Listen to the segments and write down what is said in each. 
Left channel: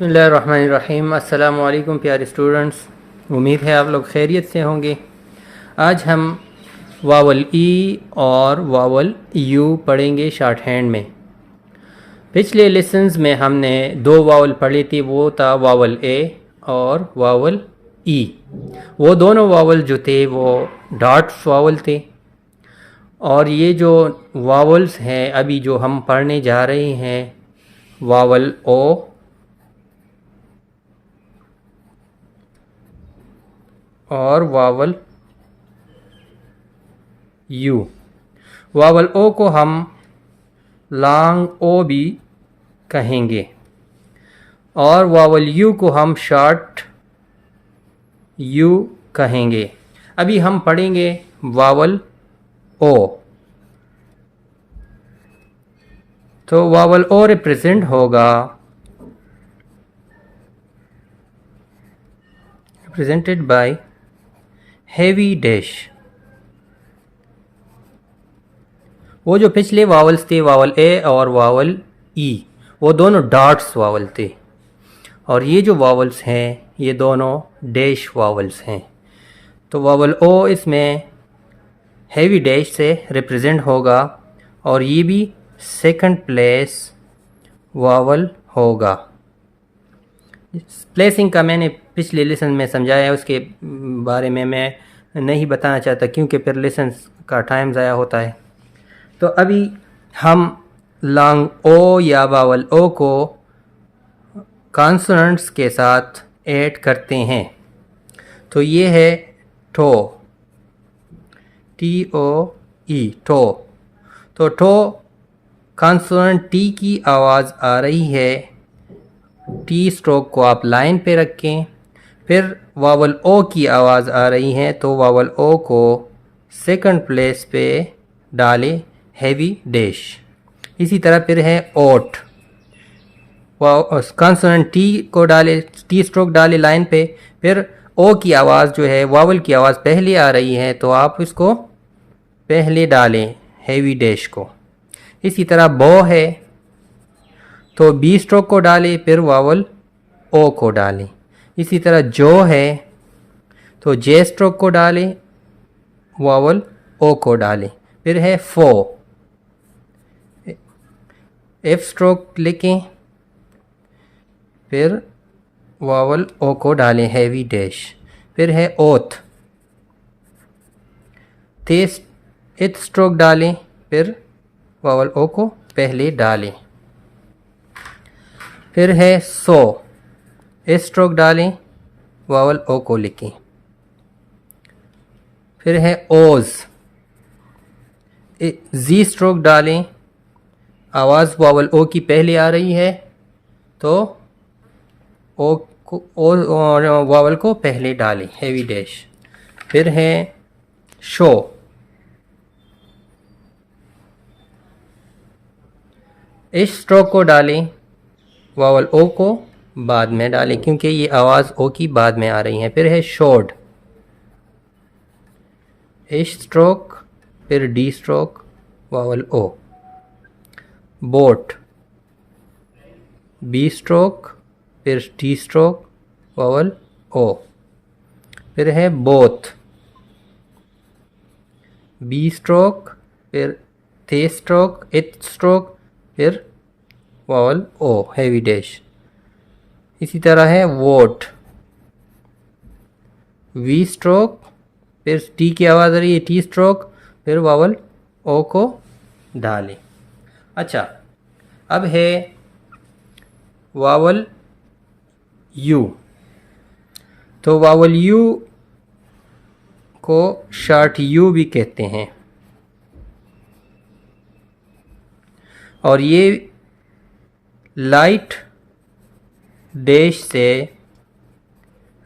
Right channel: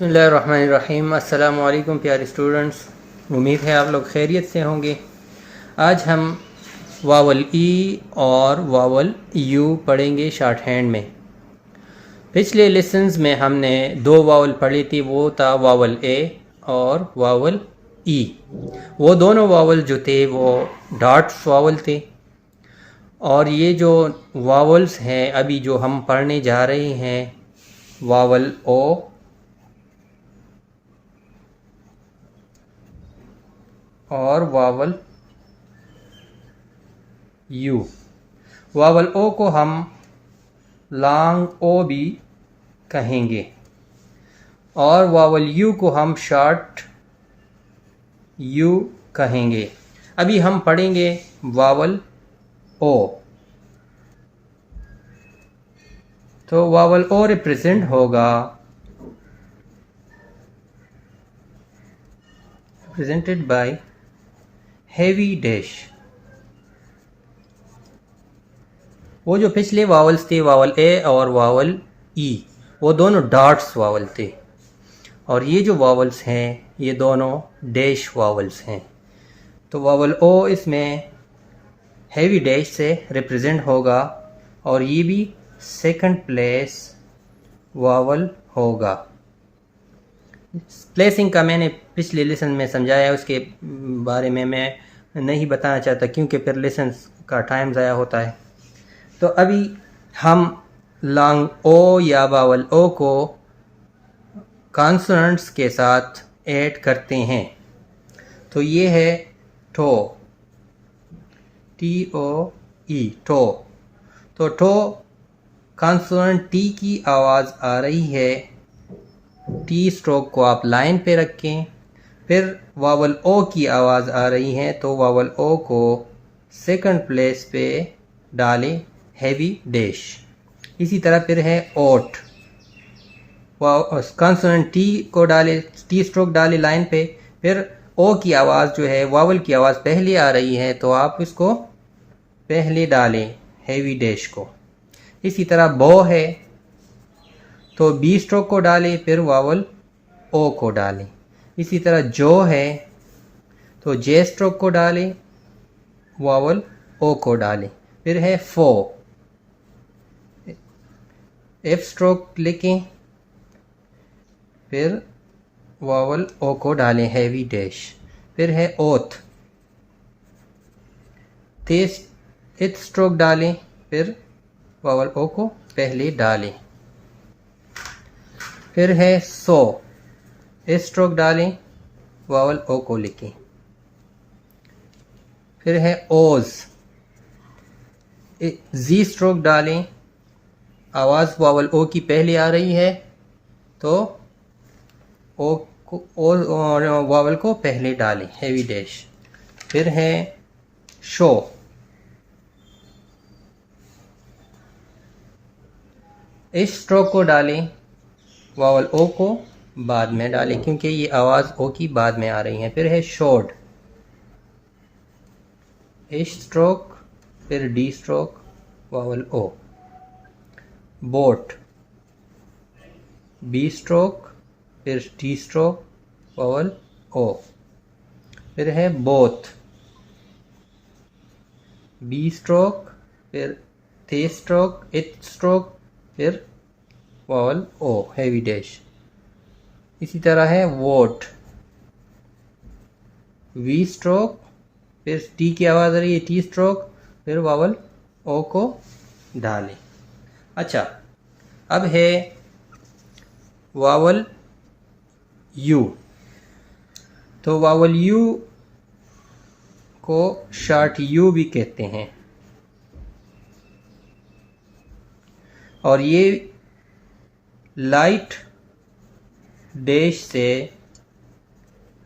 बिस्मिल्लाहिर्रहमानिर्रहीम। अस्सलामु अलैकुम प्यारे स्टूडेंट्स, उम्मीद है आप लोग खैरियत से होंगे। आज हम वावल ई और वावल यू पढ़ेंगे शॉर्ट हैंड में। पिछले लेसन्स में हमने दो वावल पढ़ी थी, वो था वावल ए और वावल ई। वो दोनों वावल जो थे वो डॉट्स वावल थे। और ये जो वावल्स हैं अभी जो हम पढ़ने जा रहे हैं, वावल ओ और वावल यू। वावल ओ को हम लॉन्ग ओ भी कहेंगे और वावल यू को हम शॉर्ट यू कहेंगे। अभी हम पढ़ेंगे वावल ओ। तो वावल ओ रिप्रेजेंट होगा represented by heavy dash। वो जो पिछले वावल्स थे, वावल ए और वावल ई, वो दोनों डॉट्स वावल थे। और ये जो वावल्स हैं ये दोनों डैश वावल्स हैं। तो वावल ओ इसमें हेवी डैश से रिप्रेजेंट होगा और ये भी सेकंड प्लेस वावल होगा। प्लेसिंग का मैंने पिछले लेसन में समझाया, उसके बारे में मैं नहीं बताना चाहता क्योंकि फिर लेसन का टाइम ज़ाया होता है। तो अभी हम लॉन्ग ओ या वावल ओ को कॉन्सोनेंट्स के साथ ऐड करते हैं। तो ये है toe, T O E, toe. तो टो कॉन्सोनेंट टी की आवाज़ आ रही है, टी स्ट्रोक को आप लाइन पे रखें। फिर वावल ओ की आवाज़ आ रही है तो वावल ओ को सेकंड प्लेस पे डालें, हैवी डैश। इसी तरह फिर है ओट, कॉन्सोनेंट टी को डाले, टी स्ट्रोक डाले लाइन पे। फिर ओ की आवाज़ जो है, वावल की आवाज़ पहले आ रही है तो आप इसको पहले डालें, हैवी डैश को। इसी तरह बो है तो बी स्ट्रोक को डालें, फिर वावल ओ को डालें। इसी तरह जो है तो जे स्ट्रोक को डालें, वावल ओ को डालें। फिर है फो, एफ स्ट्रोक लिखें, फिर वावल ओ को डालें, हैवी डैश। फिर है ओथ, एथ स्ट्रोक डालें, फिर वावल ओ को पहले डालें। फिर है सो, एस स्ट्रोक डालें, वावल ओ को लिखें। फिर है ओज, जी स्ट्रोक डालें, आवाज़ वावल ओ की पहले आ रही है तो ओ को और वावल को पहले डालें, हैवी डैश। फिर है शो, इस स्ट्रोक को डालें, वावल ओ को बाद में डालें क्योंकि ये आवाज़ ओ की बाद में आ रही है। फिर है शोड, एश स्ट्रोक, फिर डी स्ट्रोक, वावल ओ। बोट, बी स्ट्रोक, फिर टी स्ट्रोक, वावल ओ। फिर है बोथ, बी स्ट्रोक, फिर थे स्ट्रोक, इथ स्ट्रोक, फिर वावल ओ, हैवी डैश। इसी तरह है वोट, वी स्ट्रोक, फिर टी की आवाज़ आ रही है, टी स्ट्रोक, फिर वावल ओ को डालें। अच्छा, अब है वावल यू। तो वावल यू को शॉर्ट यू भी कहते हैं और ये लाइट डैश से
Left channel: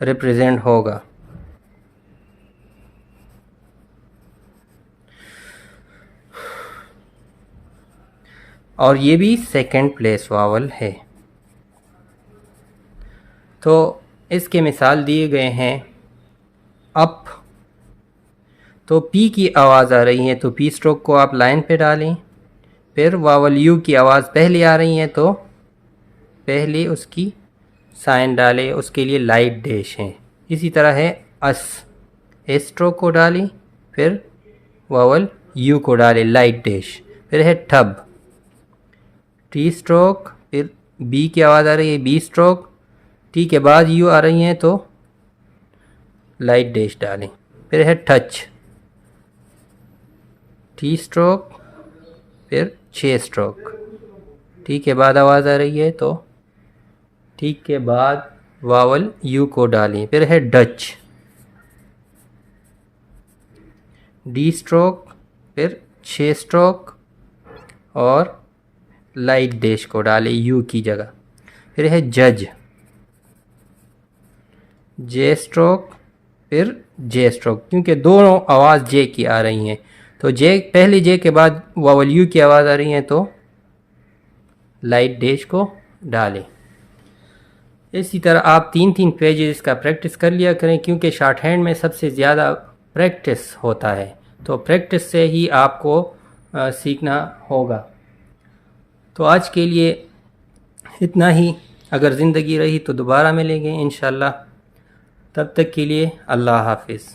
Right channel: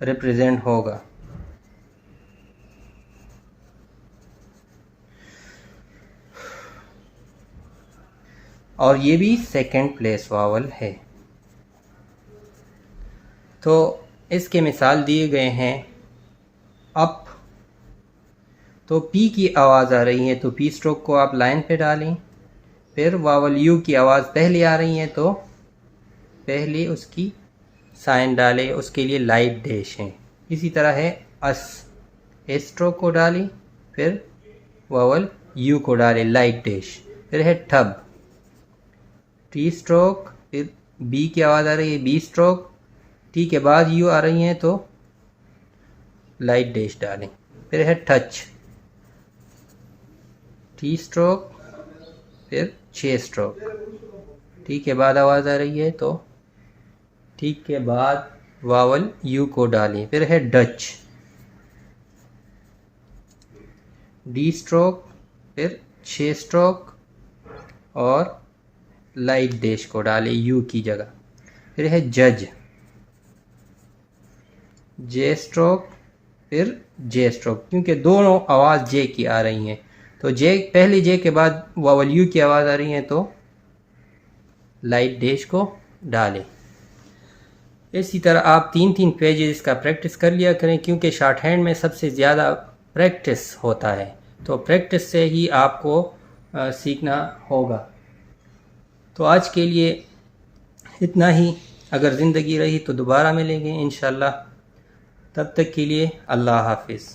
रिप्रेजेंट होगा। और ये भी सेकंड प्लेस वावल है। तो इसके मिसाल दिए गए हैं। अप, तो पी की आवाज़ आ रही है तो पी स्ट्रोक को आप लाइन पे डालें। फिर वावल यू की आवाज़ पहले आ रही है तो पहले उसकी साइन डालें, उसके लिए लाइट डैश हैं। इसी तरह है अस, एस स्ट्रोक को डालें, फिर वावल यू को डालें लाइट डैश। फिर है ठब, टी स्ट्रोक, फिर बी की आवाज़ आ रही है बी स्ट्रोक, टी के बाद यू आ रही हैं तो लाइट डैश डालें। फिर है टच, टी स्ट्रोक, फिर 6 स्ट्रोक, टी के बाद आवाज़ आ रही है तो टी के बाद वावल यू को डालें। फिर है डच, डी स्ट्रोक, फिर 6 स्ट्रोक और लाइट डैश को डालें यू की जगह। फिर है जज, जे स्ट्रोक, फिर जे स्ट्रोक, क्योंकि दोनों आवाज़ जे की आ रही हैं तो जे, पहली जे के बाद वावल यू की आवाज़ आ रही है तो लाइट डैश को डालें। इसी तरह आप 3-3 पेजेस का प्रैक्टिस कर लिया करें, क्योंकि शॉर्ट हैंड में सबसे ज़्यादा प्रैक्टिस होता है, तो प्रैक्टिस से ही आपको सीखना होगा। तो आज के लिए इतना ही, अगर ज़िंदगी रही तो दोबारा मिलेंगे इंशाल्लाह। तब तक के लिए अल्लाह हाफिज़।